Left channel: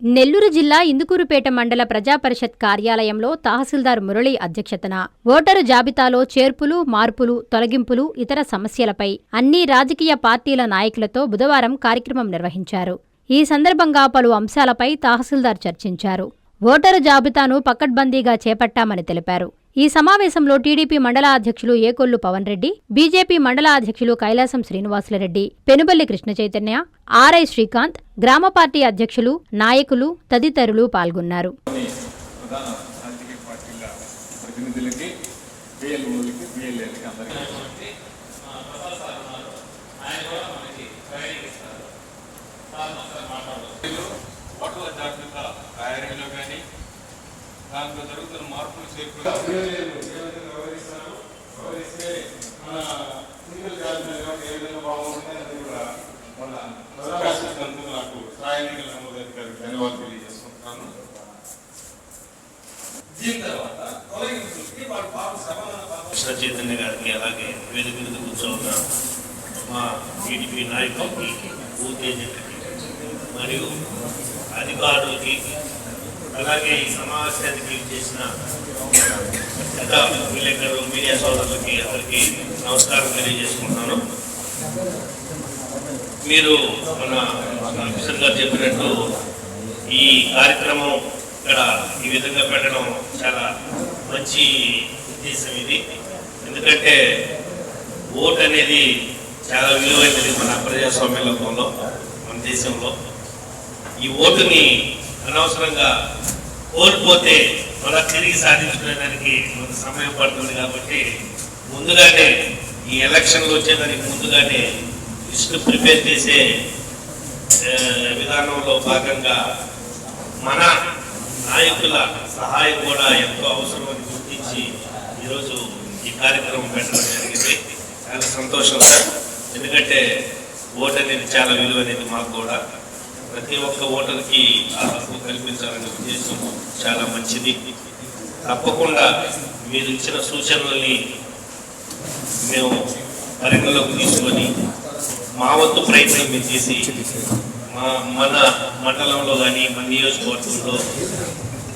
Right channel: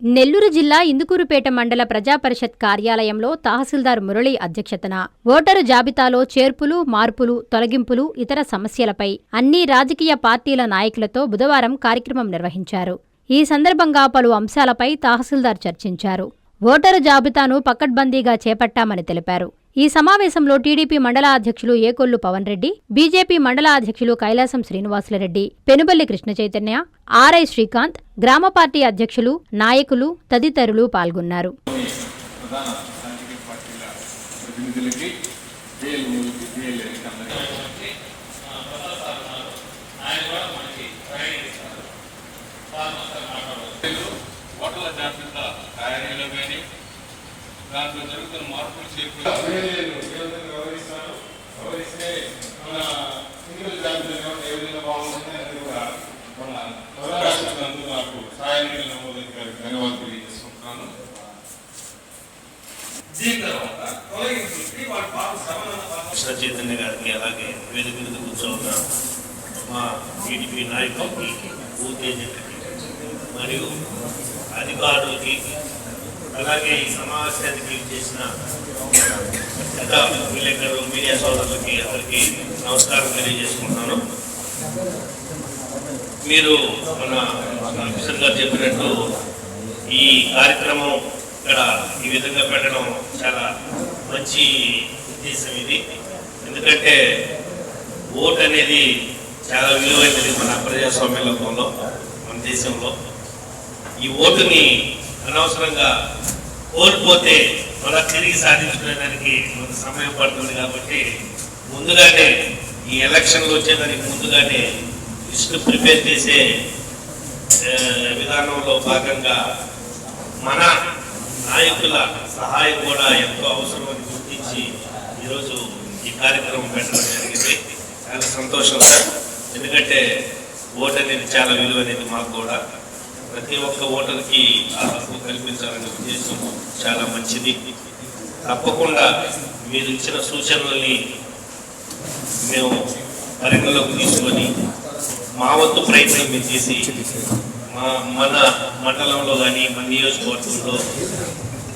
నెల్లూరు జిల్లా ఇందుకూరుపేట మండల ప్రజాపరిషత్ కార్యాలయంలో తహసీల్దార్ మురళి అధ్యక్షతన ఓటరు జాబితాలో చేర్పులు, మార్పులు, తొలగింపులు, ఇతర సమస్యలపై అన్ని రాజకీయ పార్టీల నాయకులతో బుధవారం కార్యక్రమం నిర్వహించారు. ఈ సందర్భంగా పలు అంశాలపై తహసీల్దార్ చర్చించారు. ఓటరు జాబితాను పకడ్బందీగా చేపట్టామని తెలిపారు. ఈ సమావేశంలో టీడీపీ మండల అధ్యక్షులు ఏకొల్లు పవన్ రెడ్డి, బీజేపీ మండల అధ్యక్షులు కైలాసం శ్రీనివాసులరెడ్డి, పెనుబల్లి కృష్ణ చైతన్య, ఆర్ఐ శ్రీకాంత్, గ్రామ పార్టీ అధ్యక్షులు, నాయకులు తదితరులు పాల్గొన్నారు. దాంట్లో జరుగుతున్న మార్పులు చేర్పులు గౌరవిస్తే మన సింగిల్ జాబితా ఏ విధంగా బాగుంటుంది అనేది కూడా నాకు సాయానికి నమోదధికారికి ధన్యవాదాలు తెలియజేసుకుంటున్నాను. దీని తర్వాత తొలగింపులకి వాటి పాటు సమాధాన చైతన్య గారికి అలాగే వేదిక మీద కూర్చోన్న మా టీడీపీ నాయకులకి, బూత్ ఏజెంట్లకి మరియు అధికారులకి, అలాగే ఈ సమావేశానికి చేసిన విలేకరులు, మీడియా సోదరులకి అందరికీ నమస్కారం తెలియజేసుకుంటున్నాను. మీరు మన ఆఫీసర్ గారు చెప్పినట్టు ఈ కార్యక్రమం ఇక్కడ ఈ విధంగా పెట్టడం చాలా మంచి ఉద్దేశం ఇది. ఎందుకంటే ఓటు అనేది చాలా విలువైనది మన ప్రజాస్వామ్యంలో, మన దేశంలో. ఈ ఓటుని అనవసరంగా కోల్పోతే మళ్ళా తిరిగి సాధించుకోవడానికి కొంత సమయం పడుతుంది. కాబట్టి ముందుగానే ఈ ఎలక్షన్లు వచ్చేదానికి ముందుగానే లిస్టు ప్రిపేర్ చేసే విధానంలో భాగంగా మన నాయకుల సహాయం కూడా ఎంతో అవసరమని గుర్తించి ఈరోజు ఈ కార్యక్రమం పెట్టడం జరిగింది. చాలా సంతోషం సార్. ఎందుకంటే ఓటు అనేది చాలా విలువైనది. మాకు కూడా ప్రతి ఒక్క ఓటర్కి ఆ హక్కు కల్పించాలనే ఉద్దేశం చాలా మంచిది. తప్పకుండా మీరు ఇచ్చిన సూచనల్ని మేము పరిగణలోకి తీసుకొని మా వంతు ప్రయత్నం మేము చేసి మన మండలంలో కానీ మన నియోజకవర్గంలో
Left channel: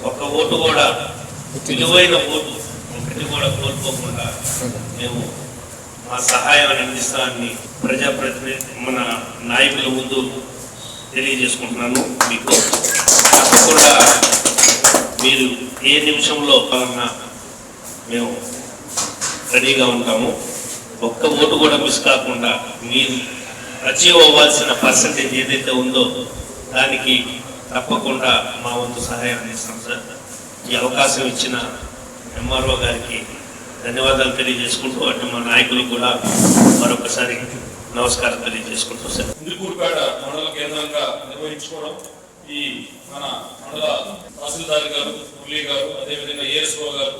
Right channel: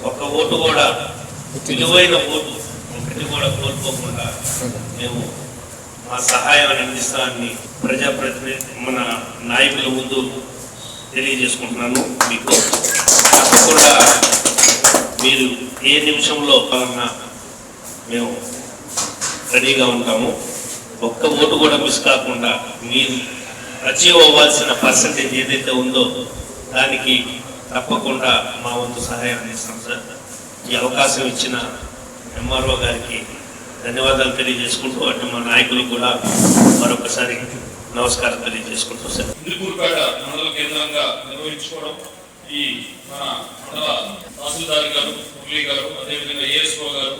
ఒక్క ఓటు కూడా, విలువైన ఓటు ఒకటి కూడా కోల్పోకుండా మేము మా సహాయాన్ని అందిస్తామని ప్రజాప్రతినిధి మన నాయకుల ముందు తెలియజేసుకుంటున్నాను. మీకు తప్పకుండా మీరు ఏ నిమిషంలో కావాలన్నా మేము రెడీగా ఉంటాము. ఒక్క ఓటు కూడా మిస్ కాకుండా మీరు అచీవ్ అవ్వాల్సిన పర్సంటేజ్ ఏదైతే ఉందో దానికి తప్పకుండా మా వంతు సహాయం అందిస్తాం సార్. ఈ అవకాశం ఇచ్చిన ఎంఆర్ఓ గారికి ధన్యవాదాలు తెలియజేసుకుంటూ, అటు మా నాయకులు కూడా మరొకసారి నమస్కారం తెలియజేసుకుంటూ సార్. ఇందుకూరుపేట మండల కేంద్రంగా నిర్వహించుకోవడం ఈ మన మండల తహసీల్దార్ గారు, మురళి గారు, అదేవిధంగా ఏఎస్ఓ గారు,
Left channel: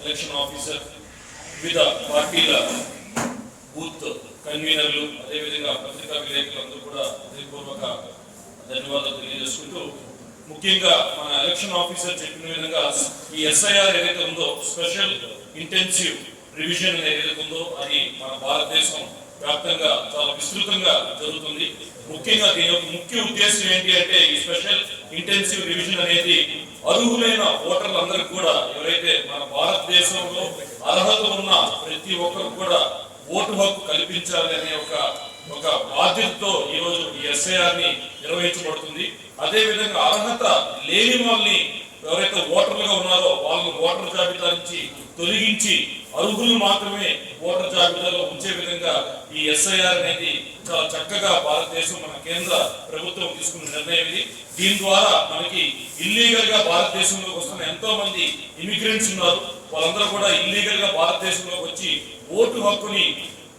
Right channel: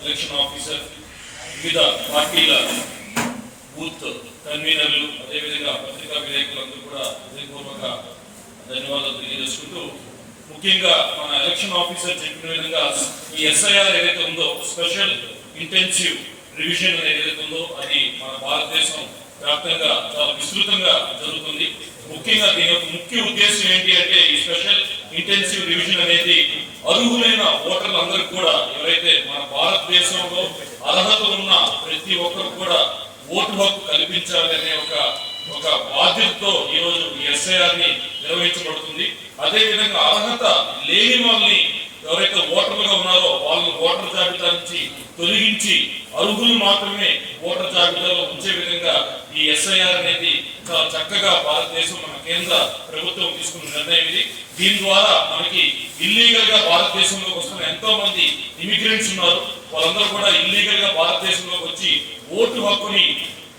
ఎలక్షన్ ఆఫీసర్, వివిధ పార్టీల బూత్ కన్వీనర్లు, అదేవిధంగా పత్రికా విలేకరులందరూ కూడా హృదయపూర్వక ధన్యవాదాలు తెలియజేసుకుంటూ, ముఖ్యంగా మన ఎలక్షన్ ఆఫీసర్ చెప్పిన విధంగా ఈ ఎస్ఐఆర్ ఏదైతే ఉందో, స్పెషల్ ఇంటెన్సివ్ రివిజన్ ఏదైతే ఉందో అది మన భారతదేశం వ్యాప్తంగా చాలా విస్తృతంగా జరుగుతుంది. ముఖ్యంగా దీని యొక్క ముఖ్య ఉద్దేశం ఏంటి అంటే, ఈ స్పెషల్ ఇంటెన్సివ్ రివిజన్ అనేది అర్హులైన ఓటర్లందరికీ కూడా, ఎవరైతే మన భారతదేశంలో అర్హత ఉన్న ప్రతి ఒక్కరు కూడా ఓటు హక్కు కల్పించాలి అనే ఒక బాధ్యతతో ఈరోజు ఈ ఎస్ఐఆర్ ని నిర్వహించబడుతుంది. అదేవిధంగా అర్హత లేని వాళ్ళని, ఎవరైతే ఓటర్లుగా ఉన్నారో వాళ్ళని ఓటర్ జాబితా నుంచి తొలగించి అర్హులు మాత్రమే ఓటర్ జాబితాలో ఉంచే విధంగా ఈ ఎస్ఐఆర్ అనేది చాలా చక్కగా భారతదేశం, మన కేంద్ర ప్రభుత్వం తీసుకున్న నిర్ణయం ఇది. దీని ద్వారా మనకి ఇల్లీగల్ గా భారతదేశంలోకి వస్తున్న ఎంతో మంది ఇమిగ్రెంట్స్ ఉన్నారు. వాళ్ళందరూ కూడా ఇల్లీగల్ గా భారతదేశంలోకి వచ్చి ఓటు హక్కుని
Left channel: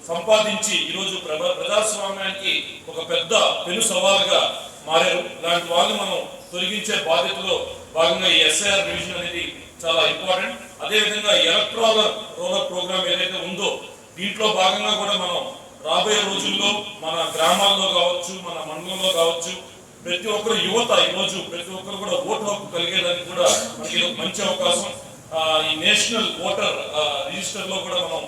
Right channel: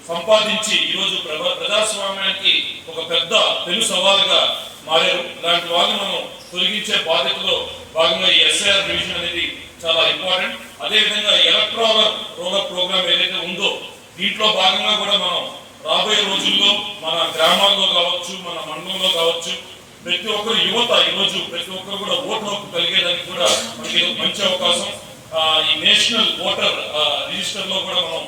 సంపాదించి ఈరోజు ప్రజాస్వామ్యానికి ఒక పెద్ద పెను సవాలుగా మారారు. ఇలాంటి వాళ్ళు మనం తొలగించే బాధ్యతలో భాగంగా ఈ ఎస్ఐఆర్ రివిజన్ అనేది చాలా ఇంపార్టెంట్. అదేవిధంగా ఎలక్ట్రల్ రోలర్ ప్రోగ్రామ్ ఏదైతే ఉందో దీంట్లో భాగంగా కూడా మనం రాబోయే రోజుల్లో మన గ్రామాల్లో కావచ్చు, మన మండలంలో కావచ్చు, ప్రతి ఒక్కరు యువత ఈరోజు ప్రతి ఒక్కరు కూడా ఓటు హక్కు కలిగేదానికి కూడా మనకి మంచి అవకాశం. ఈ నేషనల్ ఓటర్ రిజిస్టర్ లో కూడా మనం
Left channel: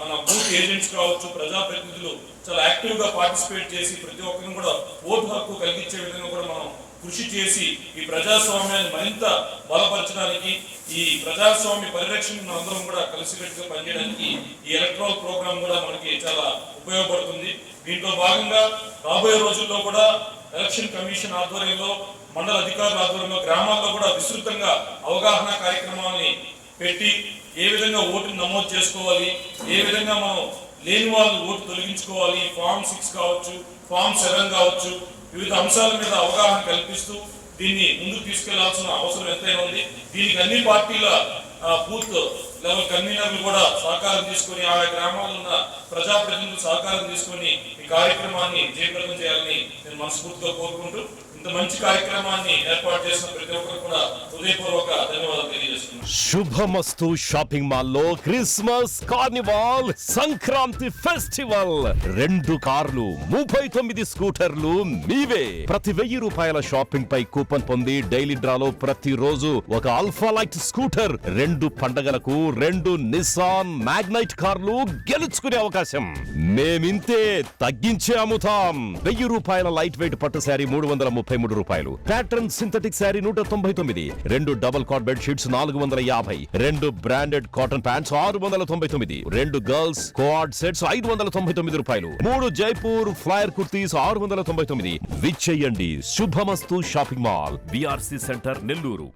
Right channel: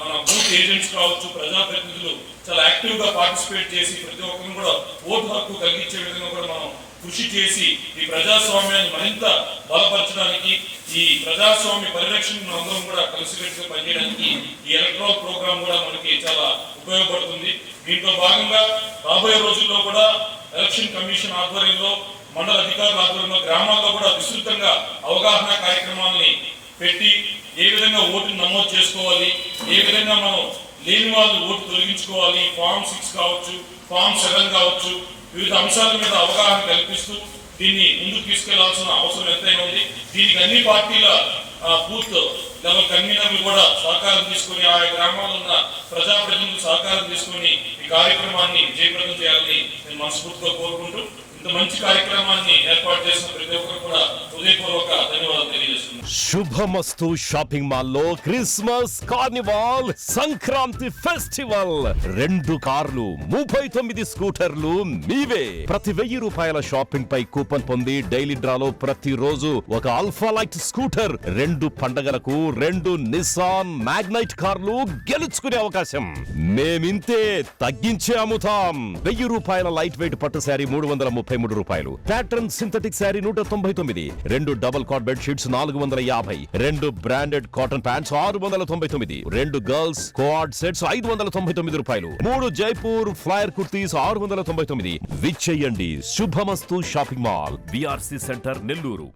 మన బూత్ ఏజెంట్స్ కావచ్చు, ప్రజాప్రతినిధులు చాలా యాక్టివ్ గా పార్టిసిపేట్ చేసి ప్రతి ఒక్కరిని కూడా ఓటు హక్కు కలిగించే విధంగా కూడా మనం కృషి చేసి ఈ ప్రజాస్వామ్యాన్ని మరింత బలపరచడానికి, ఈ ప్రజాస్వామ్య పరిరక్షణ అందరం కూడా కలిసికట్టుగా పనిచేయడానికి ఈ ఎలక్ట్రల్ ప్రోగ్రామ్ కూడా మనకి చాలా ఉపయోగపడుతుంది. దీంట్లో భాగంగా రాబోయే రోజుల్లో కూడా ఎలక్షన్ కమిషన్ ఆధ్వర్యంలో, మండల అధికారుల ఆధ్వర్యంలో గ్రామాల్లో కూడా విస్తృతంగా అవగాహన కార్యక్రమాలని పెట్టి ఏ విధంగా ఓటును నమోదు చేసుకోవాలి, ఏ విధంగా మనం లేని వాళ్ళు ఓటు తొలగించుకోవాలి, ఫామ్ 6 కావచ్చు, ఫామ్ 7 కావచ్చు, వివిధ అంశాల మీద అవగాహన కల్పిస్తూ దీన్ని ముందుకు తీసుకెళ్లాల్సిన అవసరం ఎంతైనా ఉంది. దీనికి అన్ని పార్టీల బూత్ లెవెల్ కన్వీనర్లు కూడా సహకారం తీసుకొని, ఆయా గ్రామాల్లో ఉన్న ప్రజాప్రతినిధులు సహకారం తీసుకొని ఈ కార్యక్రమాన్ని విజయప్రదం చేయాలని నేను మనస్ఫూర్తిగా కోరుకుంటూ, ఇంత మంచి కార్యక్రమాన్ని ఏర్పాటు చేసిన ప్రతి ఒక్కరు కూడా హృదయపూర్వక ధన్యవాదాలు తెలియజేస్తున్నాను. శుభమస్తు షాపింగ్ మాల్ లో క్రిస్మస్ కార్నివాల్ సంక్రాంతి ఫెస్టివల్ 2 కార్లు 39 స్కూటర్లు మీవే. ప్రతి 1000 రూపాయల షాపింగ్ పై కూపన్ పొంది డైలీ డ్రాలో ప్రతి రోజు ఒక ఆల్ఫా లైట్ స్కూటర్, 2 పండగలకు 2 నిస్సాన్ మ్యాగ్నైట్ కార్లు గెలుచుకునే అవకాశం. మేమింతే తగ్గించే అమ్ముతాం. 1000 రూపాయల లైట్ వెయిట్ పట్టు శారీ 333 రూపాయలు, pattern synthetic sari 199, 2 double cot bed sheets 450, 2 branded cotton pants 699, 2 girls coord sets 599 రూపాయలు, 3 జైపూర్ ఫ్లైర్ కుర్తీస్ 699. విచ్చేయండి. Shubhamastu shopping mall, BRC centre, Nellore.